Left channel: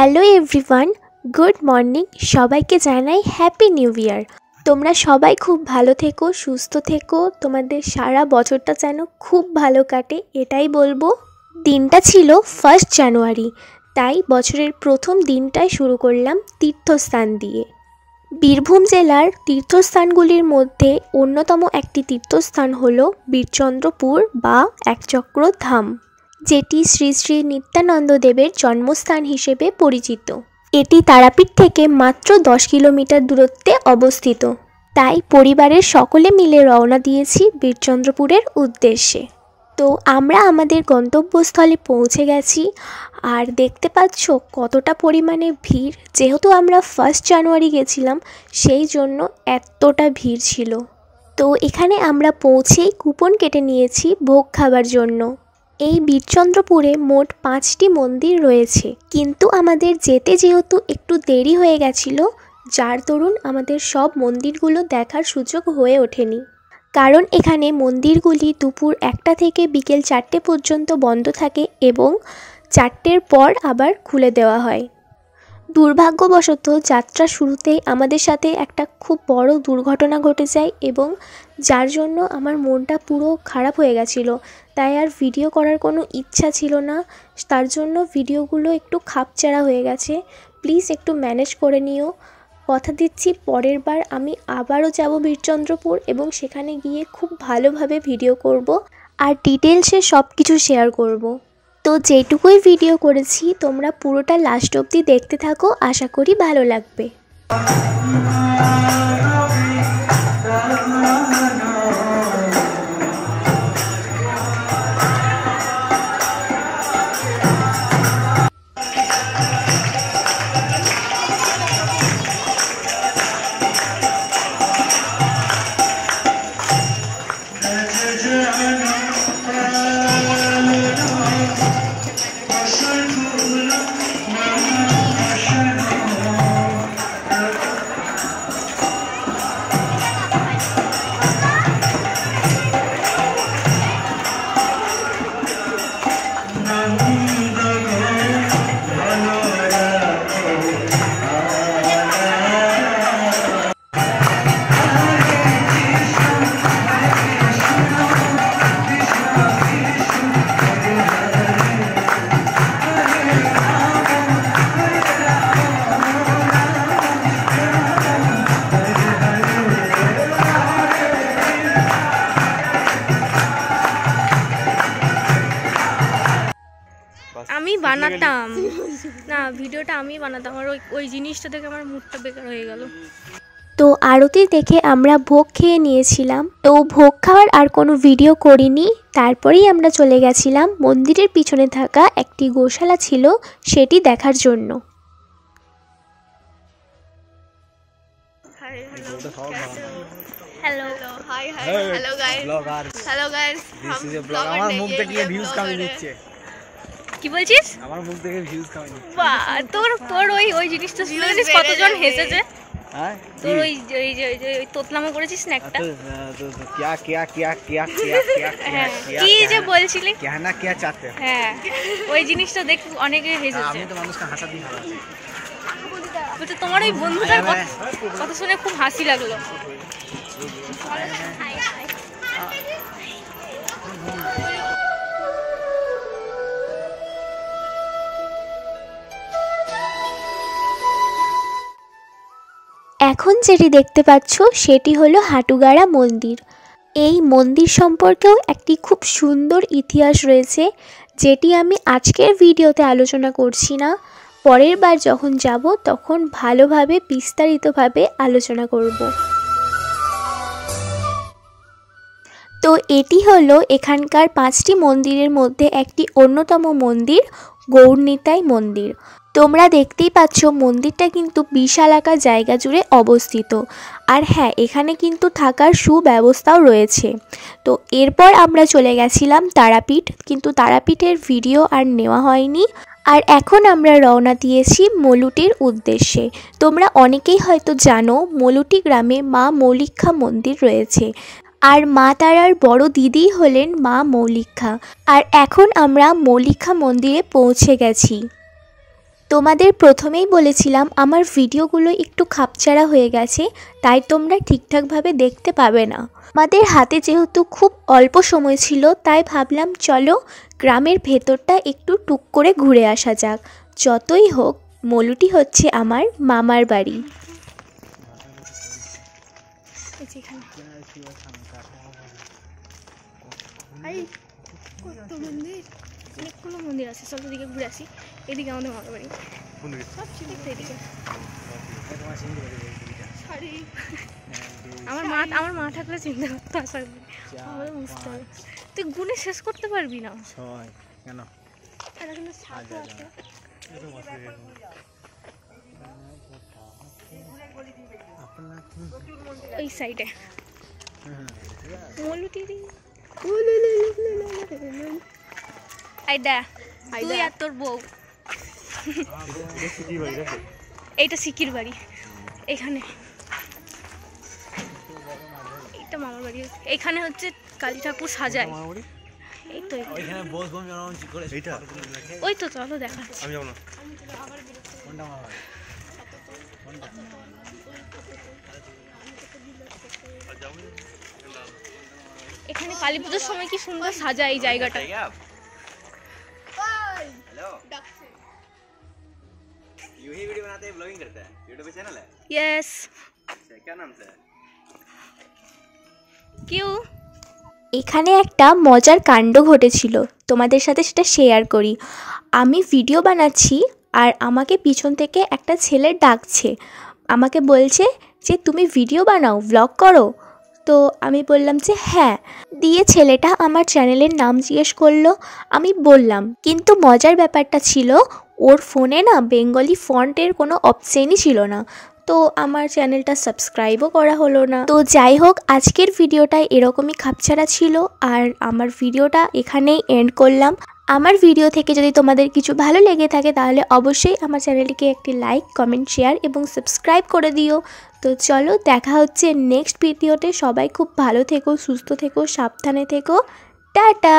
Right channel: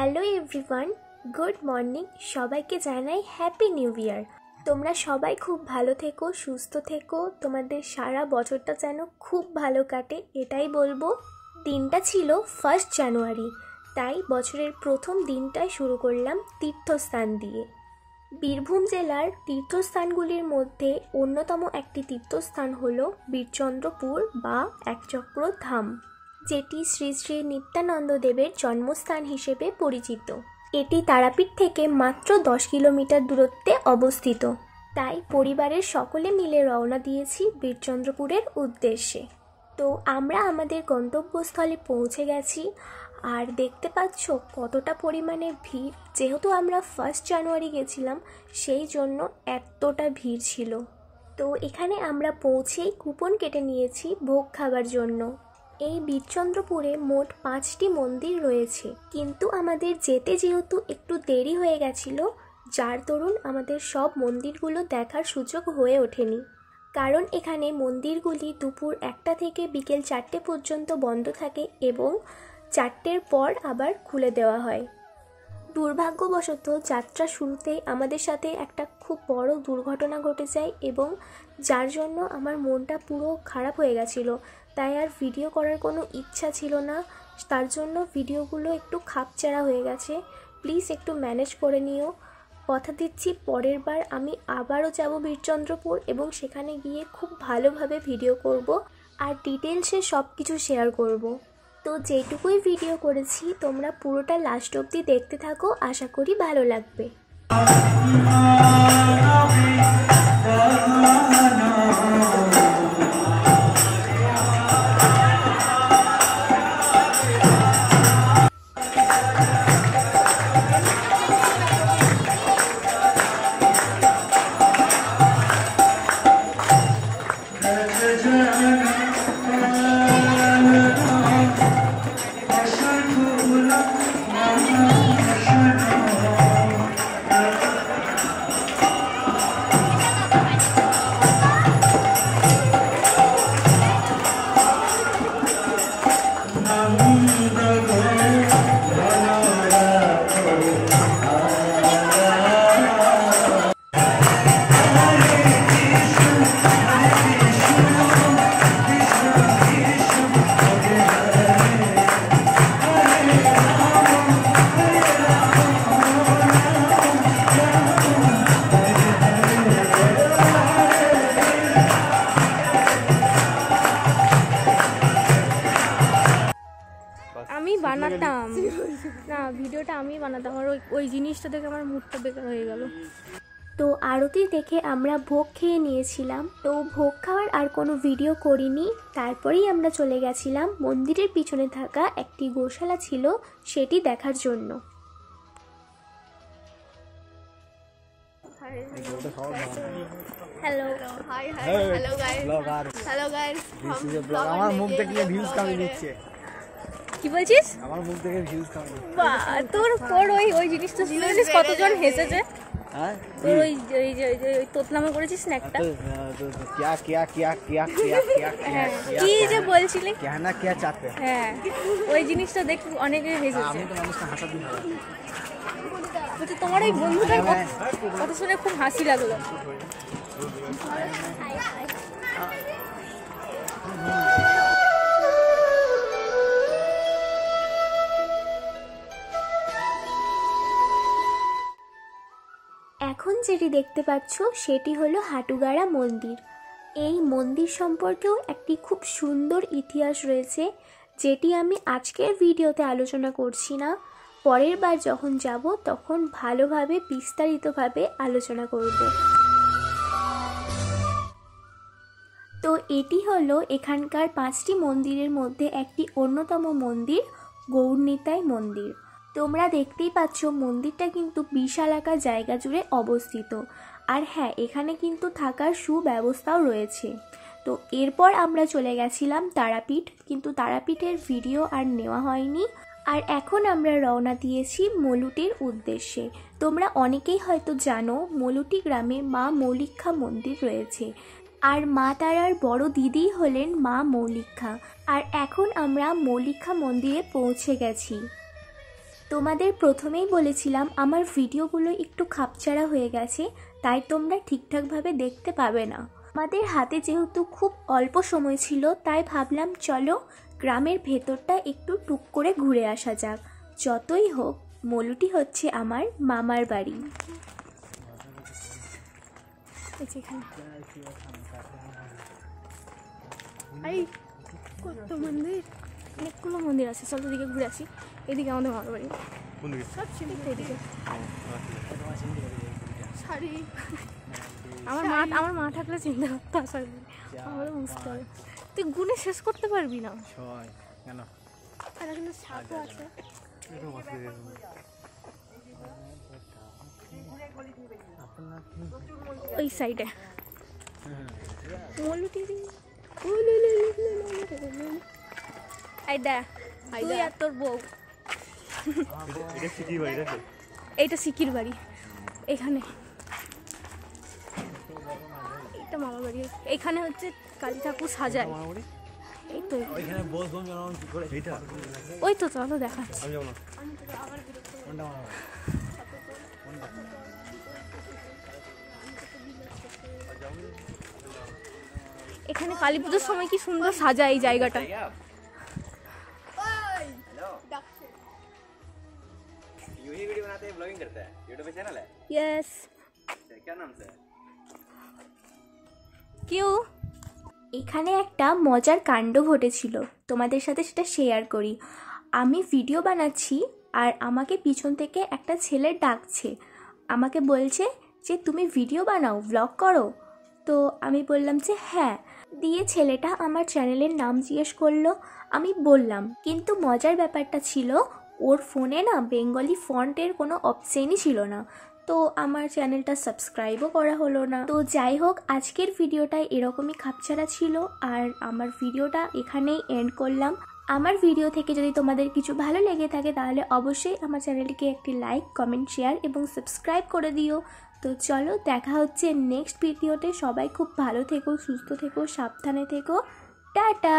Hello everyone, good morning. সবাইকে জানাই happy new year. তোমরা সবাই খুব ভালো থেকো, সুস্থ থেকো, তোমাদের সারা বছরটা যেন খুব ভালো কাটে এটাই বলবো। দিনটা ছিল 1 জানুয়ারি, তাই বছরের প্রথম দিনটাই শুরু করলাম তীর্থস্থান দিয়ে। বীরভূম জেলার তীর্থস্থানগুলির মধ্যে অন্যতম একটি তীর্থস্থান হলো বীরচন্দ্রপুর বা একচক্র ধাম, যেটি শ্রী শ্রী নিত্যানন্দ দেবের জন্মস্থান হিসেবে পরিচিত। এটি তারাপীঠ থেকে মাত্র 10 কিলোমিটার দূরত্বে অবস্থিত। তাই পরিবারের সকলে মিলে রওনা দিয়েছি বীরচন্দ্রপুরের উদ্দেশ্যে। তো আমরা আমাদের গন্তব্যস্থলে পৌঁছে গেছি, আর দেখতে পাচ্ছ কতটা পরিমাণে ভিড়। যেহেতু আমরা 1 জানুয়ারি গেছিলাম, সেই জন্য এতটা ভিড় ছিল। তো এখানে আমরা পৌঁছেই কুপন কেটে নিয়েছি ভোগ খাবার জন্য। এই বীরচন্দ্রপুরে মোট 5টি মন্দির রয়েছে, কিন্তু আমাদের যেতে যেহেতু একটু দেরি হয়ে গেছিল, যার দরুন আমাদের সব মন্দিরগুলো দেখার সুযোগ হয়ে ওঠেনি। কারণ এখানে মন্দিরগুলি দুপুর 1টা থেকে বিকেল 4টে পর্যন্ত বন্ধ থাকে এবং 4টের পর আবার খুলে দেওয়া হয়। দুর্ভাগ্যবশত যাত্রা শুরুতেই আমাদের সাথে একটা খুব বড় দুর্ঘটনা ঘটে যায়, এবং যার জন্য আমার মনটা পুরো খারাপ হয়ে গেছিলো। তাই আর ভিডিও করার কোনো ইচ্ছা ছিল না, তার জন্য ভিডিওগুলো একটু খাপছাড়া হয়ে গেছে। প্লিজ একটু ম্যানেজ করে নিও। কথা দিচ্ছি পরের বার আমি আবারও যাব বীরচন্দ্রপুর, এবং সেখানে গিয়ে খুব ভালোভাবে ভিডিও করব আর ডিটেলসে সব কিছু শেয়ার করব। তো যেটুকুই ভিডিও করেছি তোমরা পুরোটা লাস্ট অবধি দেখতে থাকো, আশা করি ভালো লাগবে। আমি বানাতাম না, ভিডিওটা আমি বানাতাম, আর ওই জিনিসটা দেখে আমার মুডটা বেকার হয়ে গেল। তো আরতি দেখে আমরা ভোগ খেয়ে নিয়েছিলাম। তো ভোগ খাওয়ার আর কোনো ভিডিও করিনি। তারপরেই আমরা চলে গেছিলাম মন্দিরের পিছনে থাকা একটি গোশালা ছিল, সেটি দেখার জন্য। Hello hi hi hello guys, hello guys. আমার মুখ দেখে ভিউজ কামি দিচ্ছে। কি বলছিস? আমার মুখ দেখে ভিউজ কামি দিচ্ছে। বাহ, তোর ওই জিনিসটা শুনেছিস কতজন হেসেছে? হ্যাঁ, তোর ওই তোতলামো করেছিস না একটা? क्या क्या क्या क्या হ্যাঁ, কি যে বলছিলি? कहना क्या चाहते हैं? হ্যাঁ, ওই জিনিসটা দেখে অনেকে হেসেছে। আমি তো মানুষকে হাসা দিই ভালো। বলছে তোমার ওই বন্ধুটার কথা শুনে খুব হাসি লাগলো। এখন যেটি দেখতে পাচ্ছ সেটি হলো হাটুগাড়া মন্দির। এই মন্দির সম্পর্কেও একটি খুব সুন্দর ইতিহাস রয়েছে, যেটি আমি আজকের ভিডিওতে আলোচনা করছি না। পরের বার যখন যাব তখন ভালোভাবে বিস্তারিতভাবে আলোচনা করব। তো এটি হলো এখানকার 5টি মন্দিরের মধ্যে একটি অন্যতম মন্দির, গৌরনিতাই মন্দির। তোমরা দেখতেই পাচ্ছ মন্দিরটা কিন্তু বিশালাকার জায়গা জুড়ে অবস্থিত। আর হ্যাঁ, এখানে কিন্তু থাকার সুব্যবস্থাও রয়েছে। তো এরপর আমরা চলে গেছিলাম তারাপীঠ, কিন্তু তারাপীঠের ভিডিও আর নেওয়া হয়নি। আর এখন আমরা রওনা দিয়েছি মলুটির উদ্দেশ্যে। তোমরা অনেকেই হয়তো জানো মলুটি গ্রামে মা মৌলিক্ষা মন্দির রয়েছে, আর মা তারার বড় দিদি হলেন মা মৌলিক্ষা। আর এখন আমরা মৌলিক্ষা মন্দিরে পৌঁছে গেছি। তোমাদের প্রথমেই বলেছিলাম আমার ভিডিওগুলো একটু খাপছাড়া হয়ে গেছে, তাই তোমরা ঠিকঠাকভাবে দেখতে পাবে না। আমাদের হাতে যেহেতু খুব অল্প সময় ছিল, তাই ভাবলাম চলো গ্রামের ভেতরটা একটু টুক করে ঘুরে আসা যাক। যতই হোক মলুটি হচ্ছে আমার মামার বাড়ি। অনেকগুলো মন্দির আছে, চলো দিকে ঘুরে আসি। এদিকে আমাদের মামার বাড়ি, এদিকে আমার মা থাকলে চিন্তা করতে আসার আমাদের বুঝতে হবে। তুই গুনে শেষ করতে পারবি না। কেন? আর এখানে ছাতও আছে। ওই সাইডে তুই আর তোর বউ। এইটা সিকির বাড়ি, এখানে এটা মামার বাড়ি। এখানে হচ্ছে কালী ঠাকুর সাজায়। এই তো ওই তো চলো দেখাচ্ছি। এখানে কালী পুজোর সময় কি সুন্দর সাজায় এই জায়গাটা। यस क्या नाम से क्यों? এখানে একটা মজার কাণ্ড ঘটেছিল, তোমাদের সাথে সেটা শেয়ার করি। আমি ভিডিও বানাচ্ছি আর আমাকে পিছন থেকে একটা ছেলে ডাকছে, আমাকে বলছে যে তুমি ভিডিও বানাও, ব্লগ করো। তো আমি বললাম যে হ্যাঁ। দিয়ে ছেলেটা আমার চ্যানেলের নাম জিজ্ঞেস করলো, আমি বললাম। কিন্তু মজার ব্যাপারটা ছিল ওর ফোনে না বেঙ্গলি ফন্টের কোনো অপশনই ছিল না, তো আমার চ্যানেলটা সাবস্ক্রাইবও করা হলো না। তো যাই হোক, আজকের ভিডিওটা এরকমই খাপছাড়া ছিল আর আমার ভিডিওটা এখানেই এন্ড করলাম। আমার ভিডিও থেকে যদি তোমাদের কিছু ভালো লেগে থাকে তাহলে অবশ্যই আমার চ্যানেলটিকে একটি লাইক, কমেন্ট, শেয়ার এবং সাবস্ক্রাইব করে দিও। তো চলো দেখা হচ্ছে নেক্সট ভিডিওতে। সবাই খুব ভালো থেকো, সুস্থ থেকো, সাবধানে থেকো। টাটা।